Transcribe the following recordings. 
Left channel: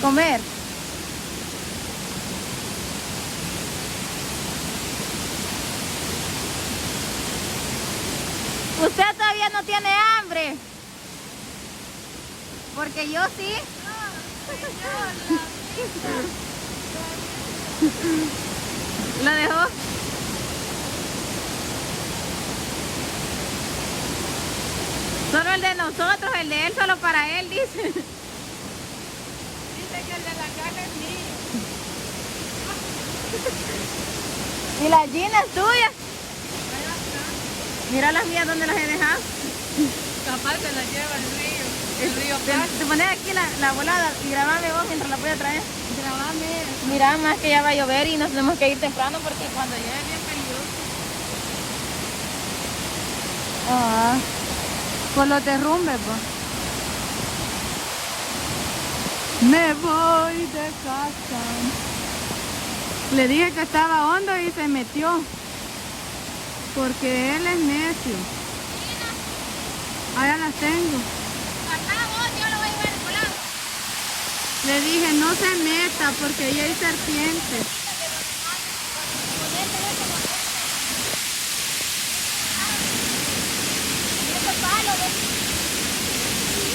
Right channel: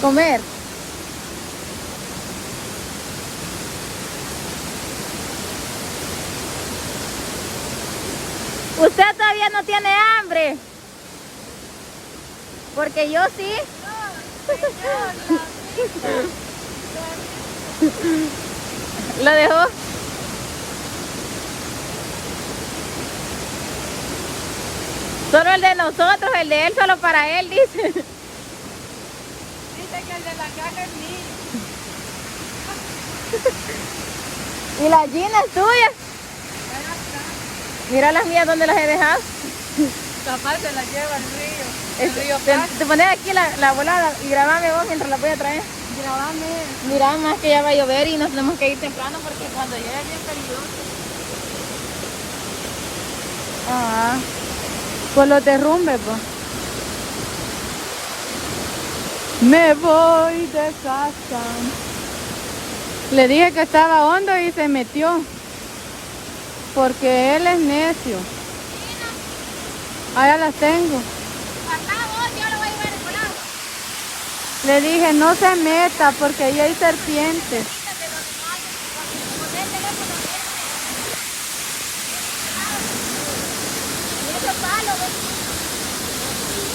Comer. Usted todavía no tiene hambre. Porque yo sí. ¿Lo dejó? Solo el de nosotros, el de él solo para él, dice. Dice que el de la caja es mío. ¿Y la Gina es tuya? Allá está. Mira las mías, ¿dónde las he dejado? Capaz se la lleva el río. El río Te pones aquí la volada y grabame vos mientras la voy a traer. Grabame. Mira, más que ya va a llover y nos tenemos que ir temprano porque cuando llueve es bien peligroso. Por los derrumbes, pues. Me voy de casa. Le dije que estaba hondo y se metió. Porque él es necio. Allá las tengo. Acá vos, yo lo voy a llevar de volado. Le dije no se meta porque ahí hay serpientes.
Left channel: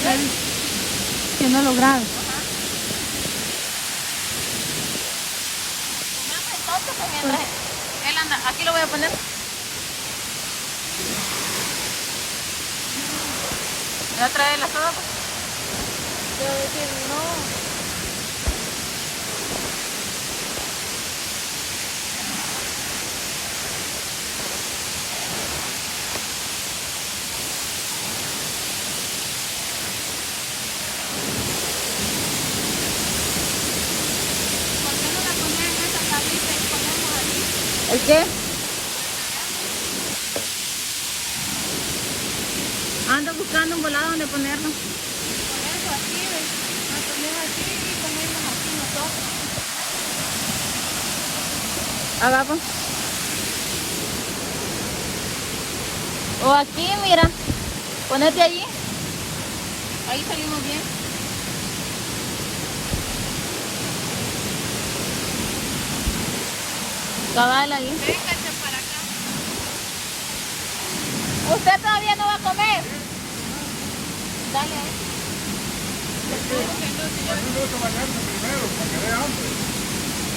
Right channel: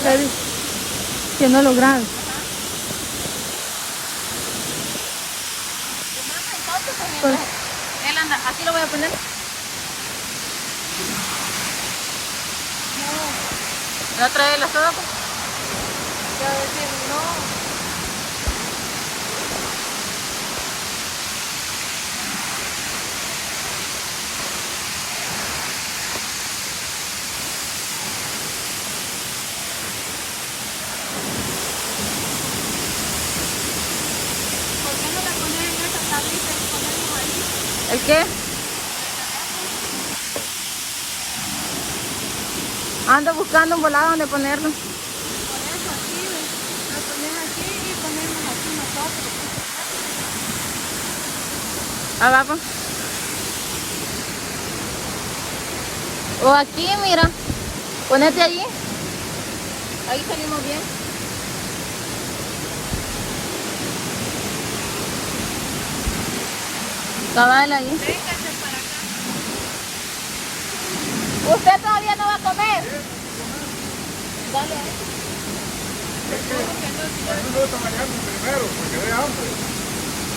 Le dije que no lograron. Pues, él anda, aquí lo voy a poner. ¿No trae la soda? Pues? ¿Por qué no la pones en esa tablita y ponemos ahí? ¿El qué? Ando buscando un volado donde ponerlo. Por eso aquí, ¿ves? Lo ponemos aquí y ponemos aquí nosotros. Abajo. O aquí, mira. Ponete allí. Ahí salimos bien. Cabal ahí. Véngase para acá. ¿Usted todavía no va a comer? Dale ahí. A mí me gusta bañarme primero para que dé hambre.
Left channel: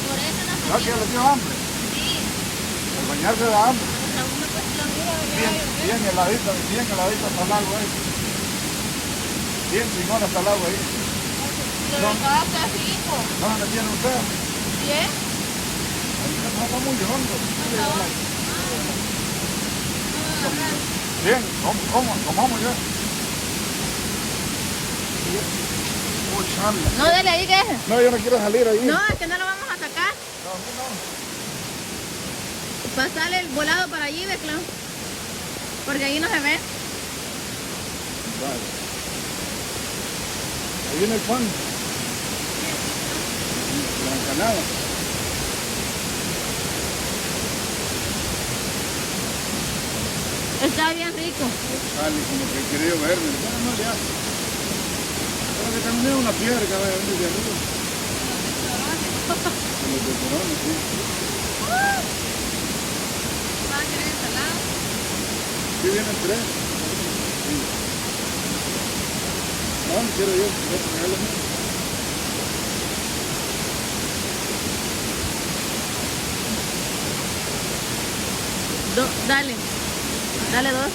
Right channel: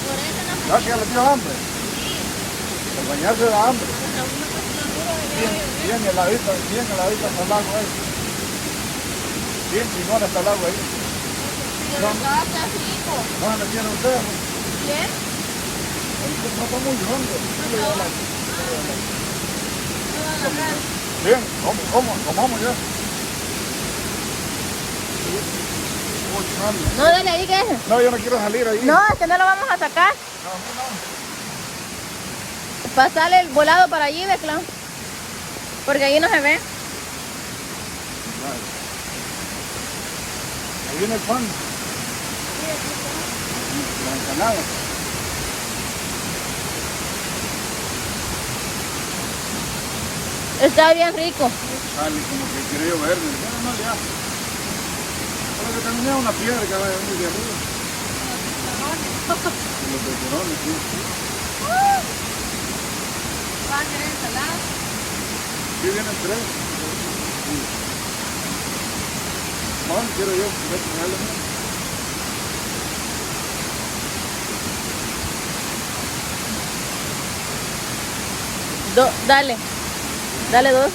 Por eso no ¿Ya que ya le dio hambre? El bañarse da hambre. Bien heladita hasta el agua ahí. Bien chingona hasta el agua ahí. No se le tiene usted. ¿Bien? Ahí se trata muy hondo. Bien, comamos ya. Uy, sale. No, dale ahí, ¿qué es? No, yo no quiero salir ahí. No, es que no lo vamos a sacar. Pasarle el volado para allí, ¿ves, Clau? Porque allí no se ve. Ahí viene el pan. La empanada. Está bien rico. Como porquería verde. No, ya. Creo que también es una piedra que va a venir de arriba. Los pecorones, sí. ¿Va a querer ensalada? Aquí vienen tres. No, quiero yo. Dale. Dale dos.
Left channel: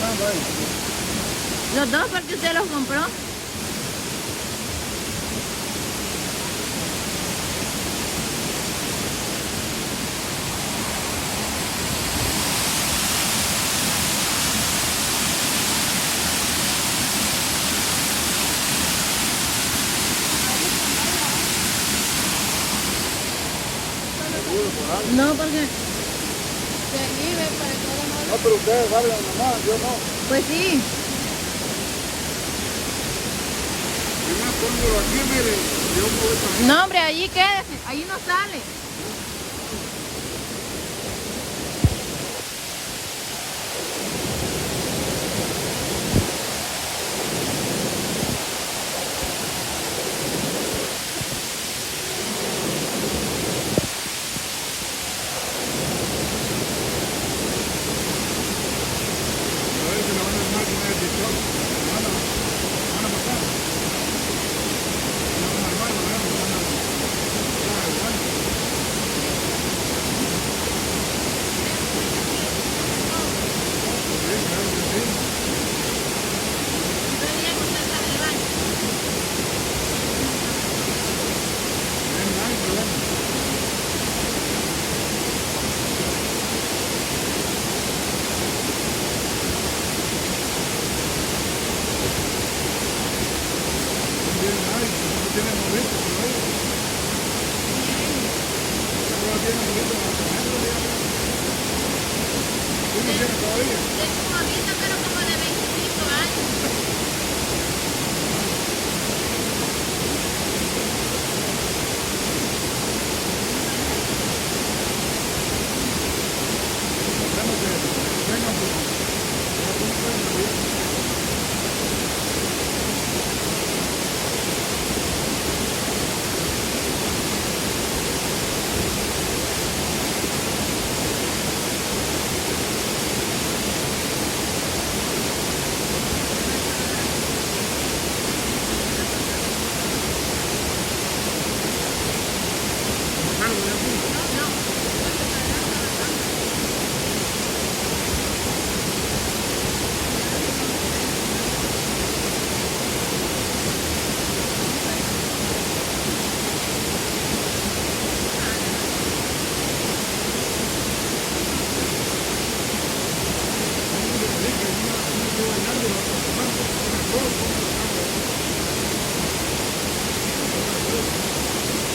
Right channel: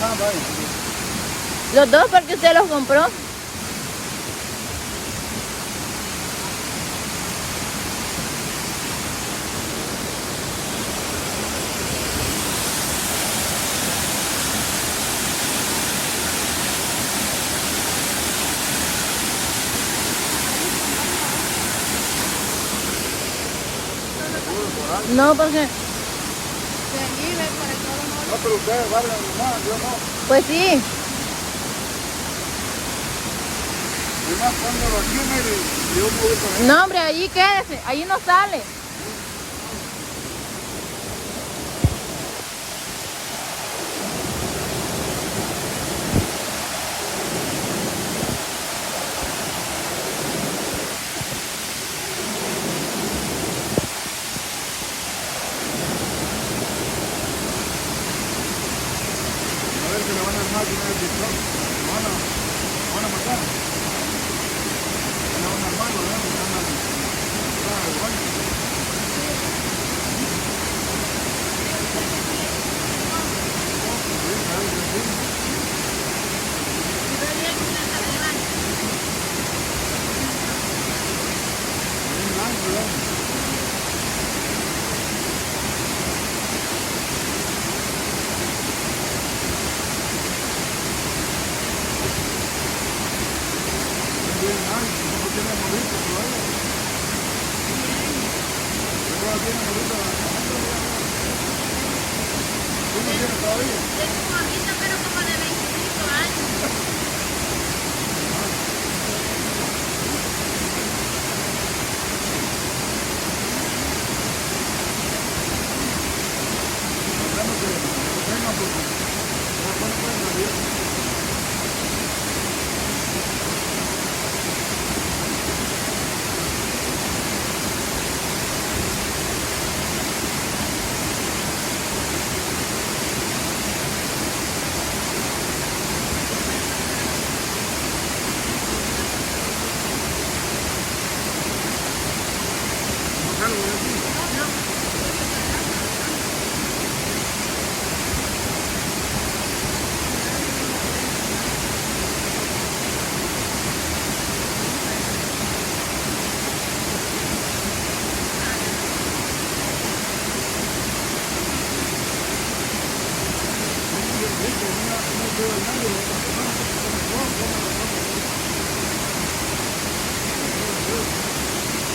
No, vaya. Los dos porque usted los compró. No, porque... Pero ustedes saben nomás, yo no. Pues sí. Además, póngalo aquí, mire, yo me voy para allá. No, hombre, allí quédese. Allí no sale. en el TikTok. Lo van a matar. No, normal, lo vemos, andan igual. Tiene morrito todavía. ¿Ya tiene morrito adentro? ¿Tú no tienes todavía? Tengo un morrito, pero como de 25 años. Podemos que tengan porque después no pueden salir.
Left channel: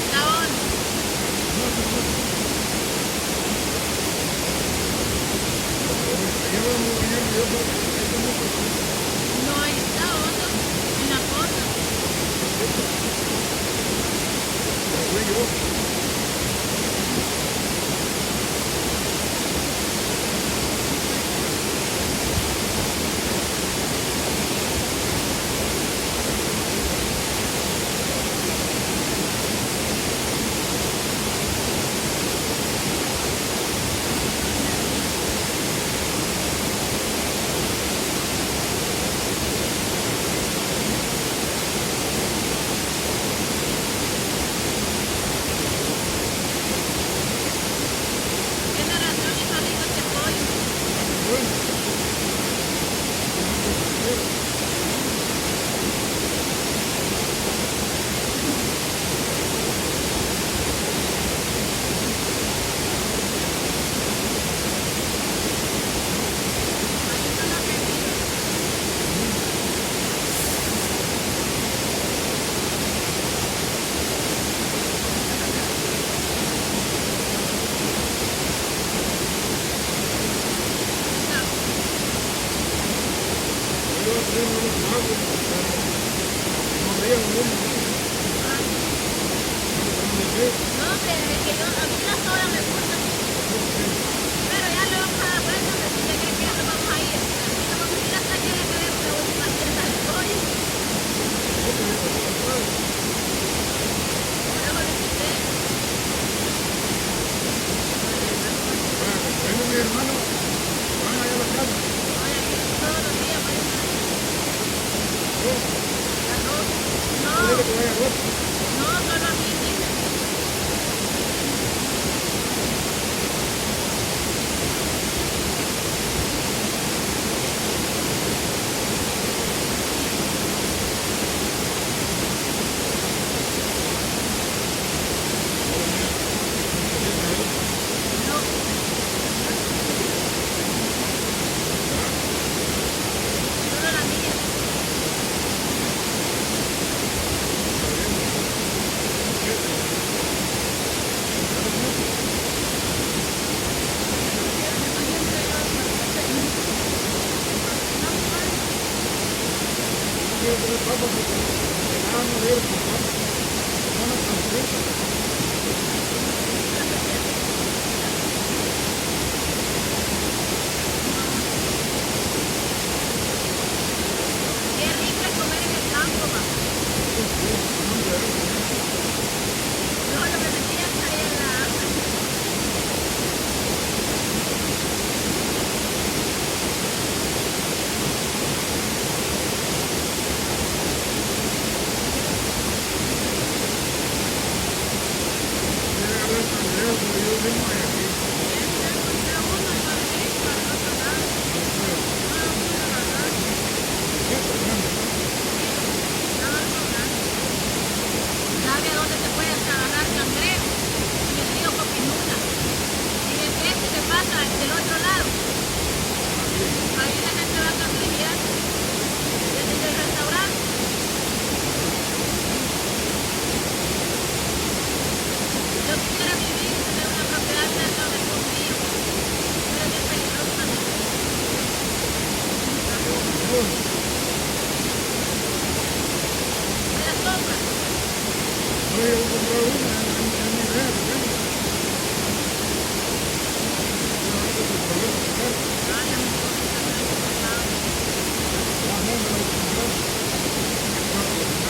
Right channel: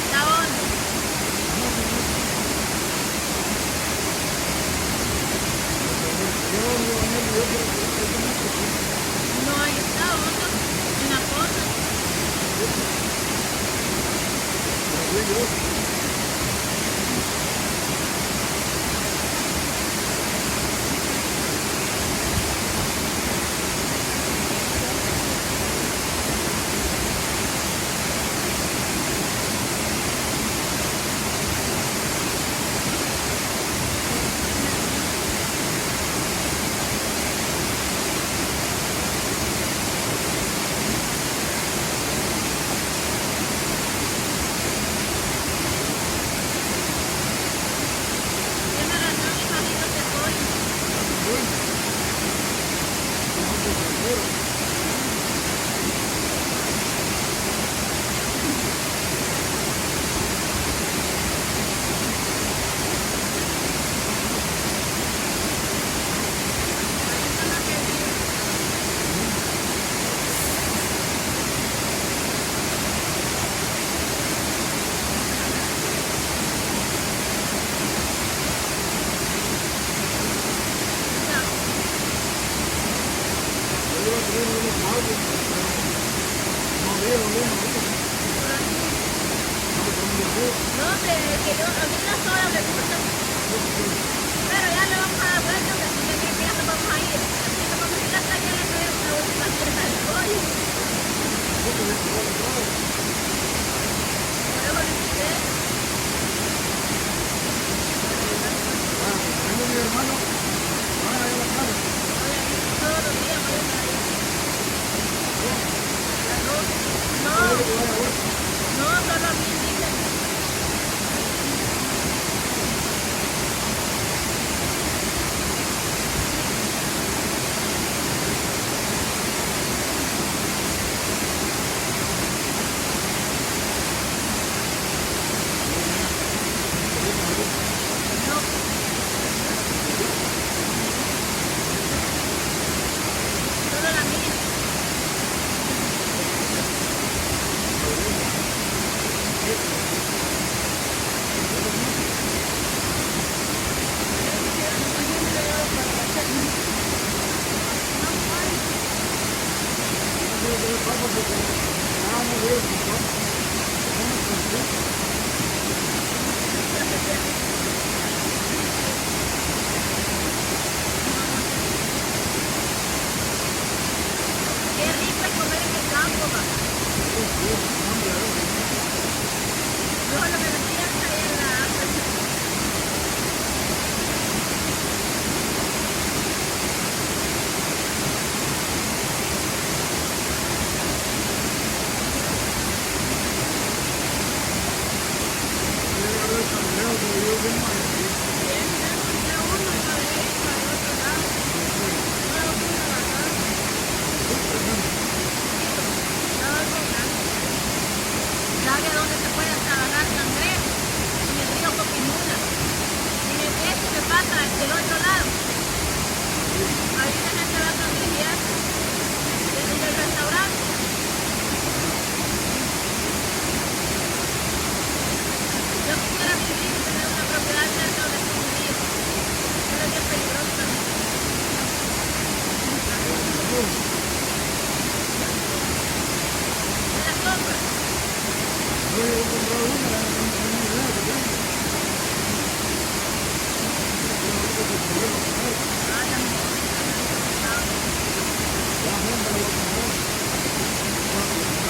Está hondo. No, ahí está hondo. En la foto. No, hombre, es que a mí la soda me gusta. Pero ya le vamos a dar vuelta, hombre, si usted cree que ya nos vamos a ir. Así nos vamos a ir hasta que le acabemos la última pieza del pollo. Por eso le quité. Mi hermano, van allá a la casa. Oye, a mí todos los días voy a ir allá. ¿Arroz? No, no, solo a mí dicen. Solo la mía. Qué rico es comer en el campo, va. No, lo que metí hasta ahí en la hambre. creo que yo mismo hay aquí. Bien, yo encontré uno y lo dejé ir para el otro lado. No lo creo. No lo pude agarrar. ¿Qué problema? Poquito. Estaba algo grande. ¿Sabe a dónde se puede hasta agarrar cangrejo? En el río Coquinula. En el este que pasa del otro lado. Ahí la gente va a cangrejear. Desde el restaurante. Yo quisiera vivir y tener una propiedad cerca donde está un río. Pero es bien peligroso también. ¿Me las compras? No, yo voy a comprar una, en mi idea que tengo. Yo no tengo problema con él. Ay, amor, no me lo he Ya, me la voy a comprar. Ahora,